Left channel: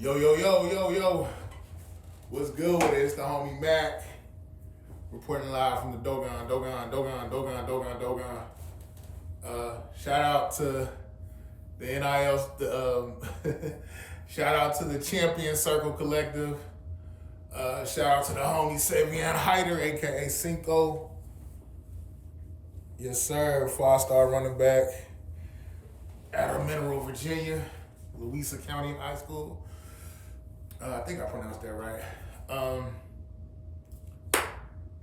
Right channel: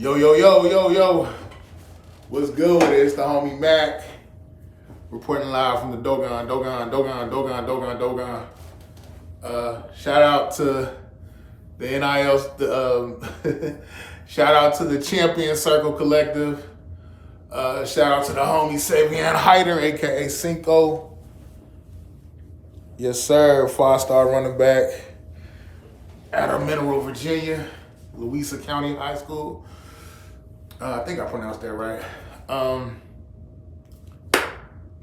Yo, yo, yo, yo, yo. What's good with it? It's the homie Mac. Reporting live from the Dogon. Shout out to the NIL, shout out to the Champion Circle Collective. Shout out to the homie Savian Hyder, aka Cinco. Yes, sir. 5-star running back out of Mineral, Virginia, Louisa County High School. I think I pronounced that right.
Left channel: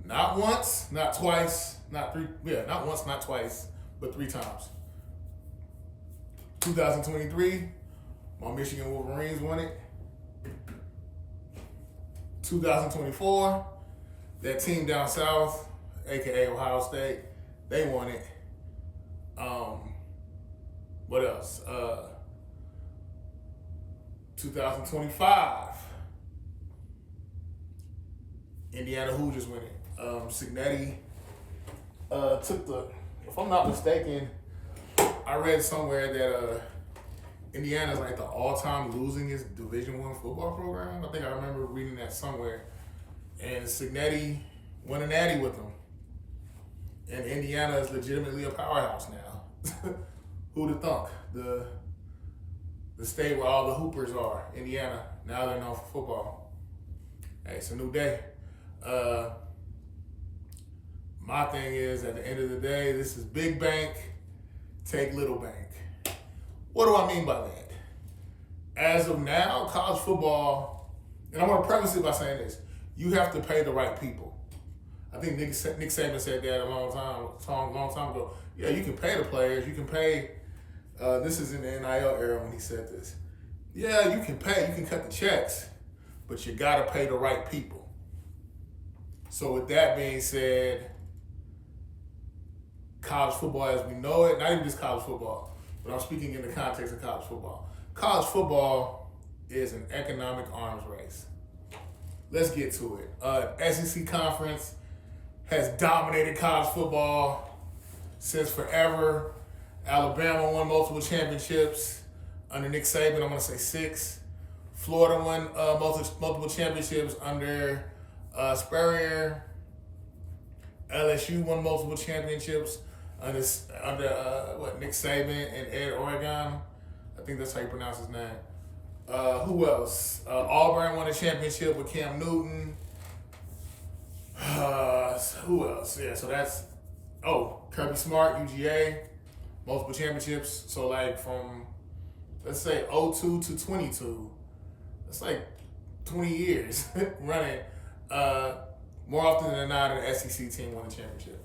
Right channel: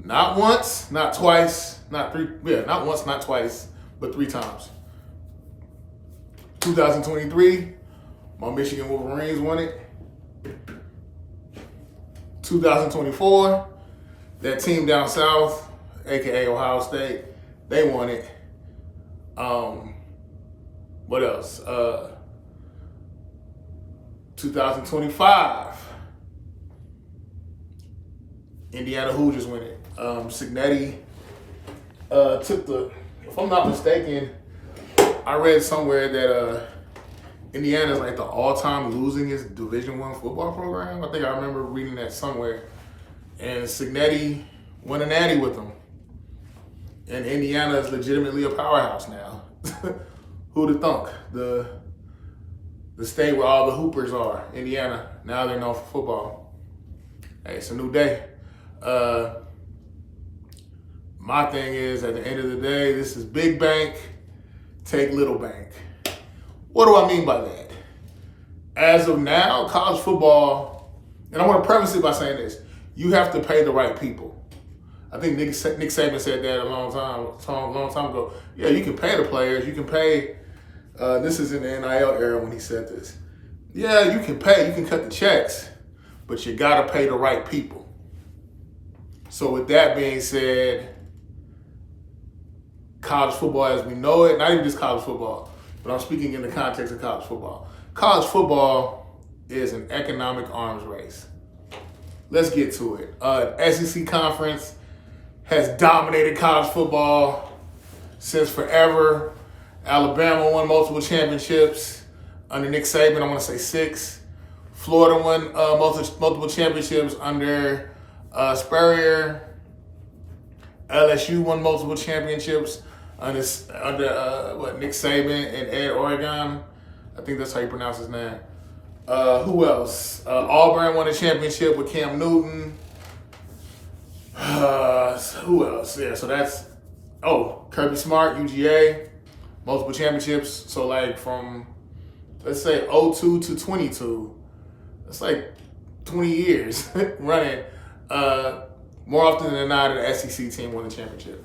Not once, not twice, not three. Yeah, not once, not twice, but 3 times. 2023, my Michigan Wolverines won it. 2024, that team down south, aka Ohio State, they won it. What else? 2025, Indiana Hoosiers win it. Signetti took the, if I'm not mistaken, I read somewhere that Indiana's like the all-time losingest Division I football program. I think I remember reading that somewhere. And Signetti won a natty with them. And Indiana is legitimately a powerhouse now. Who'd have thunk? The state where all the hoopers are, Indiana. Now they're known for football. Hey, it's a new day. My thing is, at the end of the day, this is big bank, take little bank. What do I mean by that? As of now, college football, and I want to preface it by saying this, you have to pay the right people. I think Nick Saban said that a long time ago. Yeah, you can pay the players, you can pay, this is in the NIL era when he said this. Yeah, you can pay, you can cut the checks, but you gotta pay the right people. So with that being said, college football as we know it, not even just college football, but I'm speaking in the context of college football. College football is an economic arms race. Let's get to it. SEC conference has dominated college football since forever. Alabama won multiple championships under Nick Saban. I want to say 6. Florida won multiple championships under Spurrier. LSU won multiple championships under Nick Saban and Ed Oregon. I think that's how you pronounce his name. Who else? Auburn won a championship with Cam Newton. Who else? Yeah, so that's Kirby Smart, UGA, multiple championships. So like from let's say 02 to 22, that's like 20 years running. More often than not, an SEC team won the championship.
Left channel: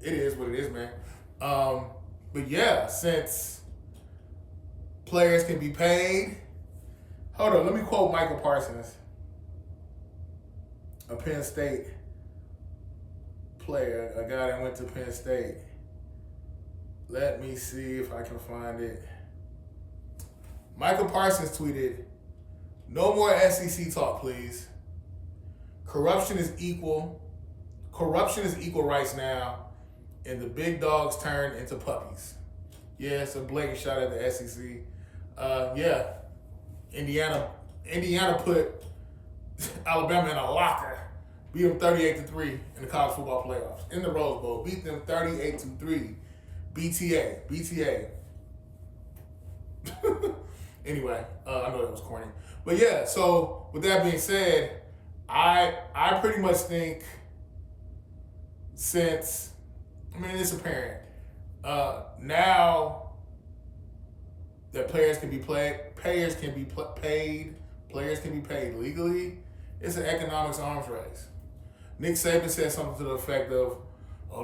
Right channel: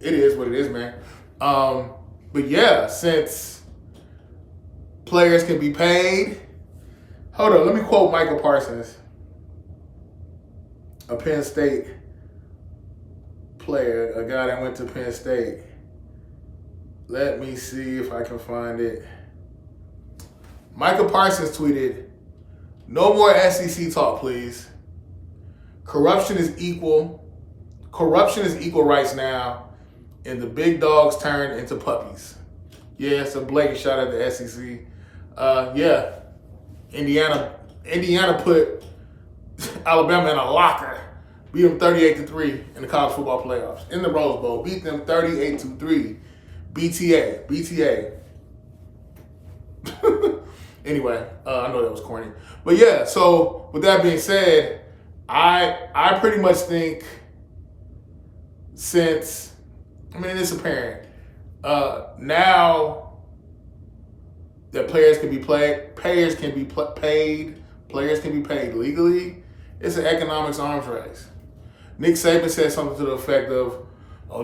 It is what it is, man. But yeah, since players can be paid. Hold on, let me quote Michael Parsons, a Penn State player, a guy that went to Penn State. Let me see if I can find it. Michael Parsons tweeted, "No more SEC talk, please. Corruption is equal rights now, and the big dogs turn into puppies." Yeah, it's a blatant shot at the SEC. Yeah, Indiana put Alabama in a locker, beat them 38-3 in the college football playoffs in the Rose Bowl. Beat them 38-3. BTA. Anyway, I know that was corny, but yeah. So with that being said, I pretty much think since, it's apparent now that players can be paid legally, it's an economics arms race. Nick Saban said something to the effect of,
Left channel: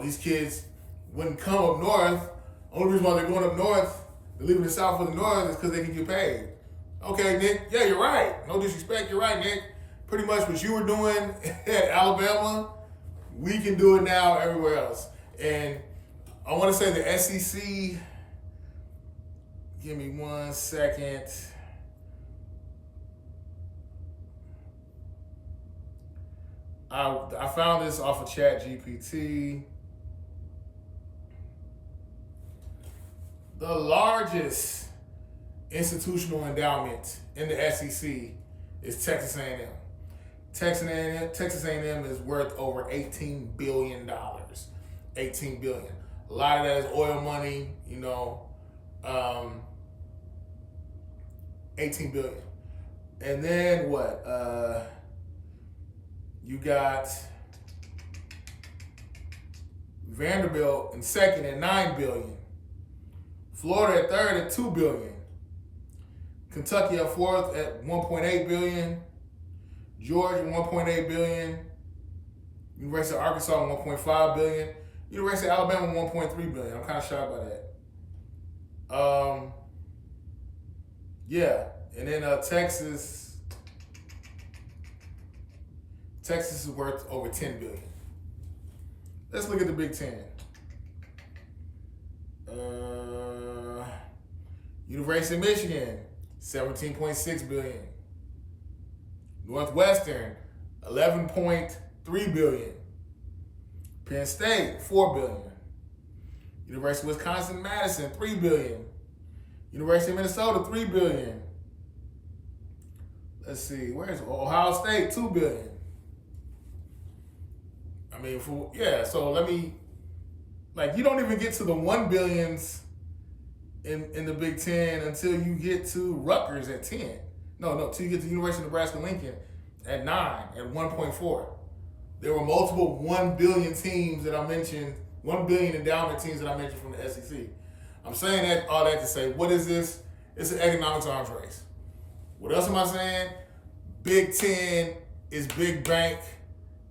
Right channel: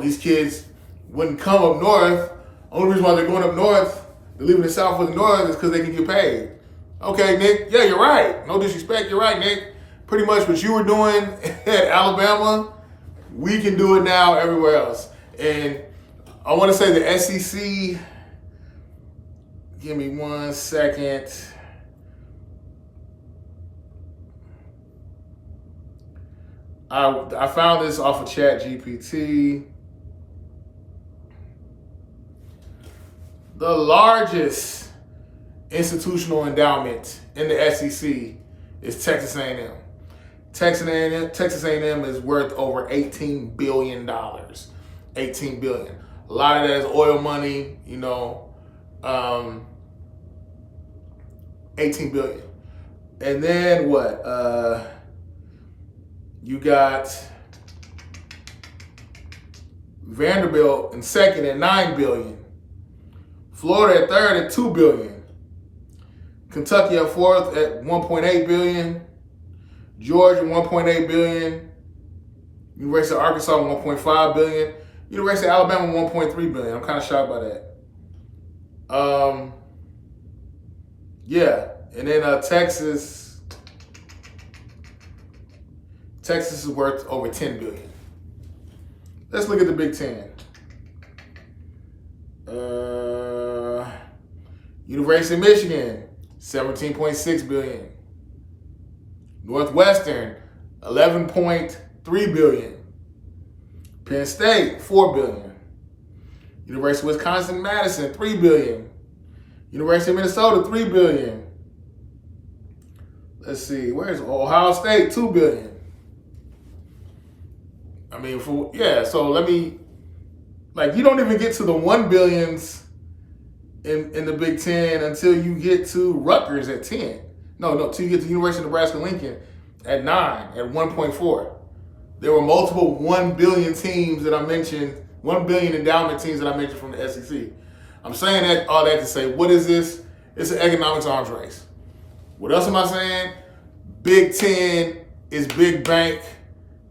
these kids wouldn't come up north. Only reason why they're going up north, they're leaving the south for the north, is because they can get paid. Okay, Nick, yeah, you're right. No disrespect, you're right, Nick. Pretty much what you were doing at Alabama, we can do it now everywhere else. And I want to say the SEC, give me 1 second. I found this off of ChatGPT. The largest institutional endowment in the SEC is Texas A&M. Texas A&M is worth over $18 billion. $18 billion. A lot of that is oil money, 18 billion. And then what? You got Vanderbilt in second at $9 billion. Florida at third at $2 billion. Kentucky at fourth at $1.8 billion. Georgia $1.8 billion. University of Arkansas $1.5 billion. University of Alabama $1.3 billion. I'm kind of shocked by that. Yeah, and then Texas is worth over $10 billion. Let's look at the Big Ten. University of Michigan, $17.6 billion. Northwestern, $11.3 billion. Penn State, $4 billion. University of Wisconsin-Madison, $3 billion. University of Minnesota, $3 billion. Let's see, where's Ohio State, $2 billion. You don't even get to the $1 billions in the Big Ten until you get to Rutgers at 10. Till you get to University of Nebraska-Lincoln at 9, at 1.4. There were multiple 1 billion teams that I mentioned, 1 billion endowment teams that I mentioned from the SEC. I'm saying all that to say, what is this? It's an economics arms race. What else am I saying? Big Ten is big bank,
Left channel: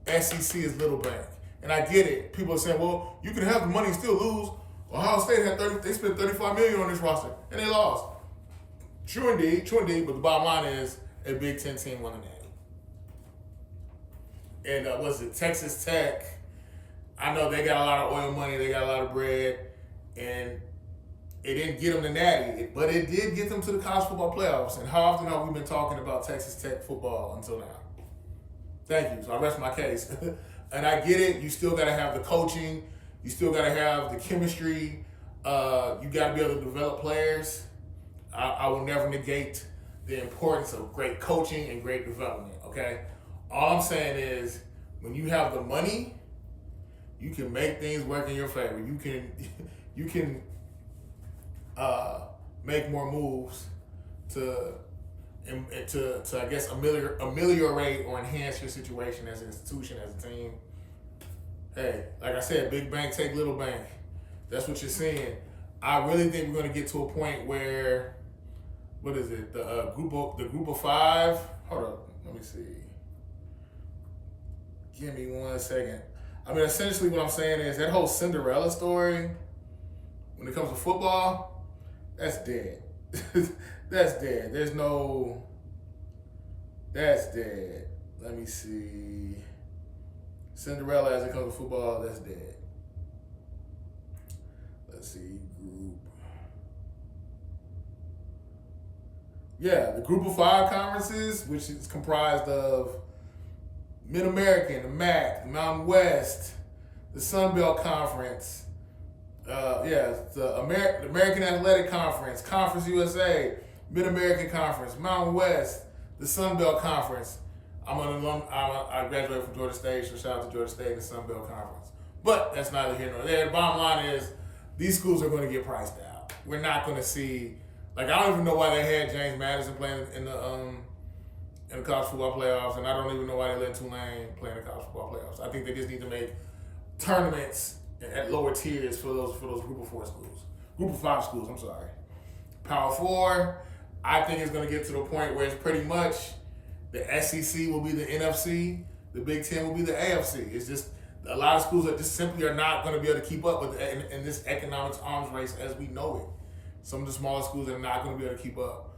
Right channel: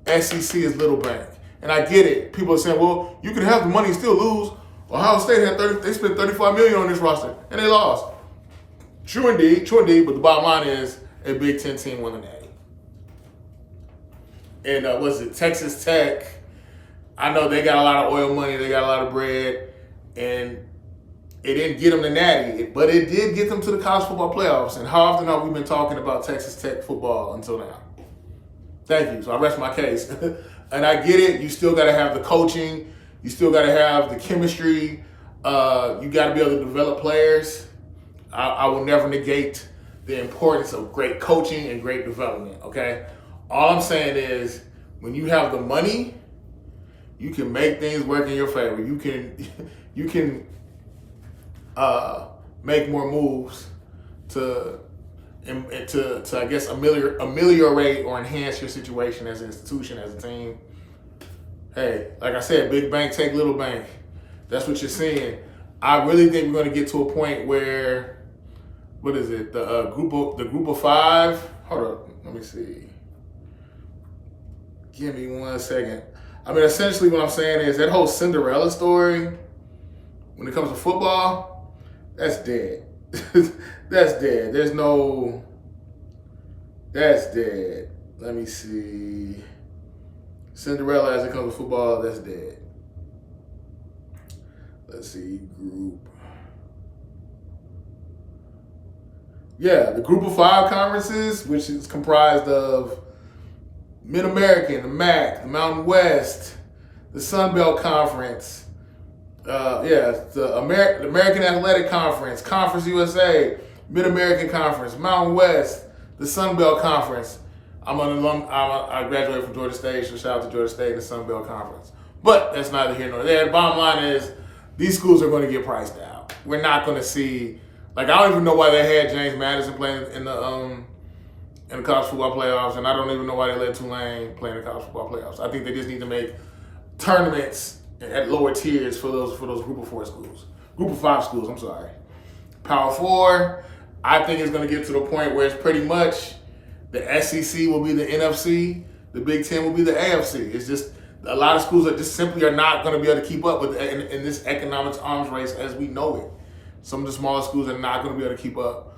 SEC is little bank. And I get it. People are saying, well, you can have the money and still lose. Ohio State they spent $35 million on this roster, and they lost. True indeed, but the bottom line is a Big Ten team won the Natty. And Texas Tech, I know they got a lot of oil money, they got a lot of bread, and it didn't get them the Natty, but it did get them to the college football playoffs. And how often have we been talking about Texas Tech football until now? Thank you. So I rest my case. And I get it. You still got to have the coaching. You still got to have the chemistry. You got to be able to develop players. I will never negate the importance of great coaching and great development, okay? All I'm saying is when you have the money, you can make things work in your favor. You can make more moves to I guess ameliorate or enhance your situation as an institution, as a team. Hey, like I said, big bank take little bank. That's what you're seeing. I really think we're going to get to a point where, the group of five. Hold up, let me see. Give me 1 second. Essentially what I'm saying is that whole Cinderella story, when it comes to football, that's dead. That's dead. That's dead. Let me see. Cinderella as it comes to football, that's dead. Let's see, group. Yeah, the group of five conferences, which is comprised of Mid-American, the MACK, the Mountain West, the Sun Belt Conference, the American Athletic Conference, Conference USA, Mid-American Conference, Mountain West, the Sun Belt Conference. I'm an alum. I graduated from Georgia State, so shout out to Georgia State and the Sun Belt Conference. But that's neither here nor there. The bottom line is these schools are going to get priced out. We're not going to see, I don't even know why they had James Madison playing in the college football playoffs, and I don't even know why they let Tulane play in the college football playoffs. I think they just need to make tournaments at lower tiers for those group of five schools. I'm sorry. Power four, I think it's going to get to the point where it's pretty much the SEC will be the NFC, the Big Ten will be the AFC. It's just a lot of schools that just simply are not going to be able to keep up with in this economics arms race as we know it. Some of the smaller schools are not going to be able to keep up.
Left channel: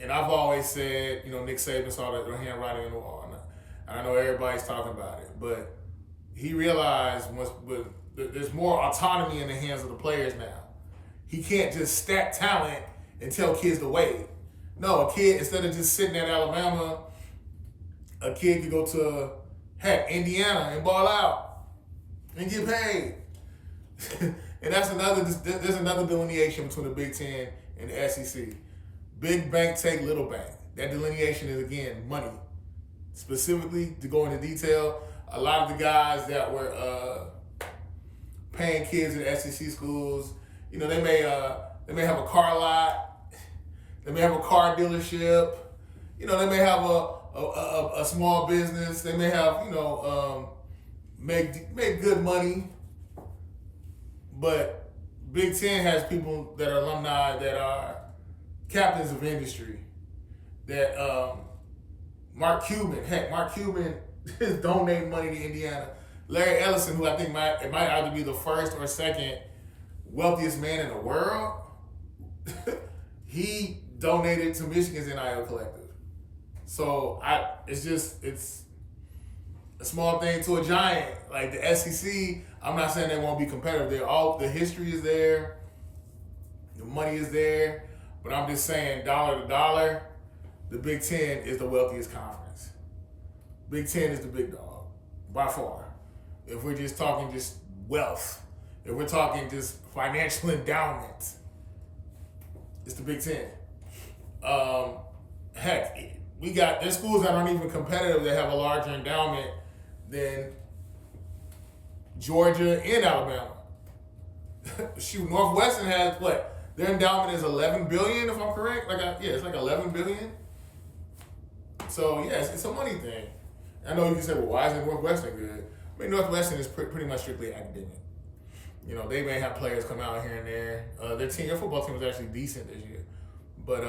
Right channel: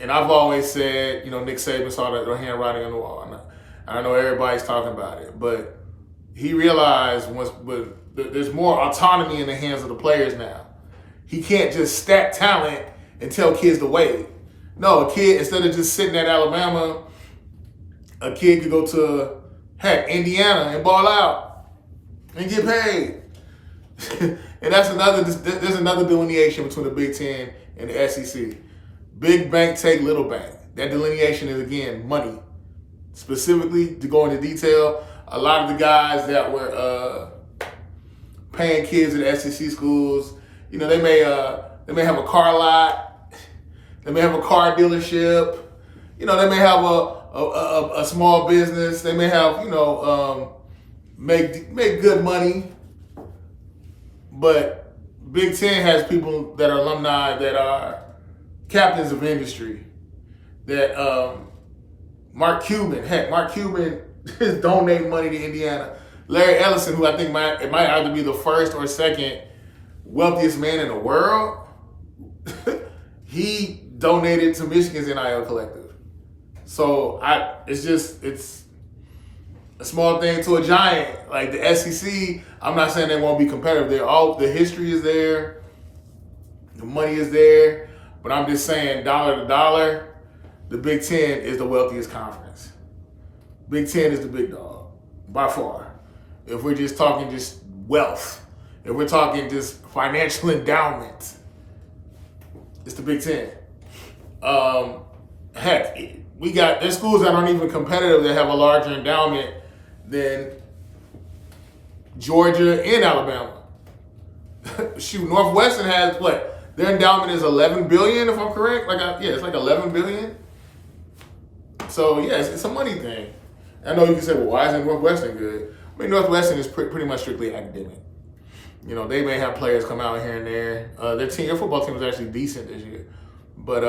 And I've always said, Nick Saban saw the handwriting on the wall. And I know everybody's talking about it, but he realized there's more autonomy in the hands of the players now. He can't just stack talent and tell kids to wait. No, a kid, instead of just sitting at Alabama, a kid could go to, Indiana and ball out and get paid. And there's another delineation between the Big Ten and the SEC. Big bank take little bank. That delineation is, again, money. Specifically, to go into detail, a lot of the guys that were paying kids at SEC schools, you know, they may have a car lot, they may have a car dealership, you know, they may have a small business, they may have, you know, make good money. But Big Ten has people that are alumni that are captains of industry. That Mark Cuban is donating money to Indiana. Larry Ellison, who I think might either be the first or second wealthiest man in the world, he donated to Michigan's NIL collective. So it's a small thing to a giant. Like the SEC, I'm not saying they won't be competitive. The history is there, the money is there, but I'm just saying dollar to dollar, the Big Ten is the wealthiest conference. Big Ten is the big dog, by far. If we're just talking just wealth, if we're talking just financial endowment, it's the Big Ten. Heck, there's schools that aren't even competitive that have a larger endowment than Georgia and Alabama. Shoot, Northwestern has what? Their endowment is $11 billion, if I'm correct. It's like $11 billion. So yeah, it's a money thing. I know you can say, well, why isn't Northwestern good? I mean, Northwestern is pretty much strictly academic. You know, they may have players come out here and there. Their football team was actually decent this year. But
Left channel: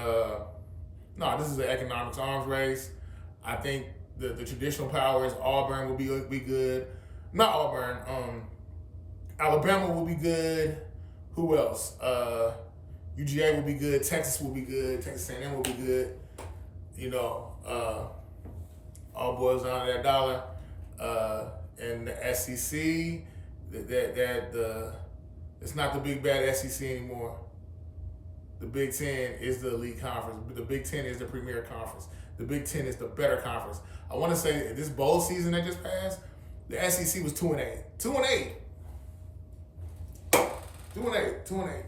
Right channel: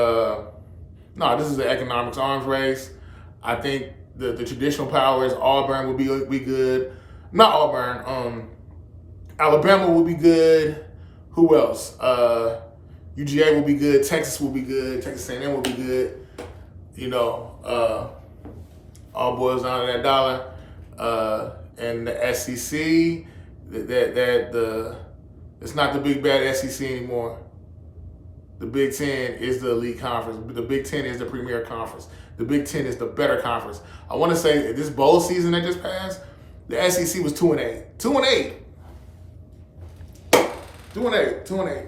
no, this is an economics arms race. I think the traditional powers, Auburn will be good. Not Auburn. Alabama will be good. Who else? UGA will be good. Texas will be good. Texas A&M will be good. You know, all boils down to that dollar. And the SEC, it's not the big bad SEC anymore. The Big Ten is the elite conference. The Big Ten is the premier conference. The Big Ten is the better conference. I want to say this bowl season that just passed, the SEC was 2-8. 2-8. 2-8.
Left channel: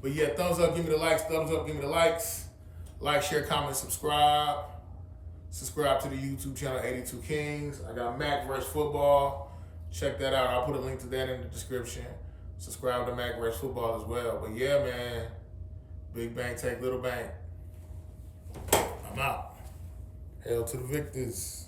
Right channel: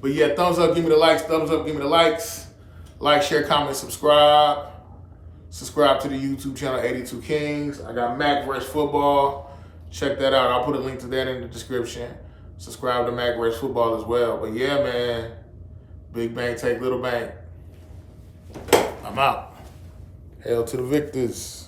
But yeah, thumbs up, give me the likes. Thumbs up, give me the likes. Like, share, comment, subscribe. Subscribe to the YouTube channel 82 Kings. I got MACK vs. Football. Check that out. I'll put a link to that in the description. Subscribe to MACK vs. Football as well. But yeah, man. Big bank take little bank. I'm out. Hail to the victors.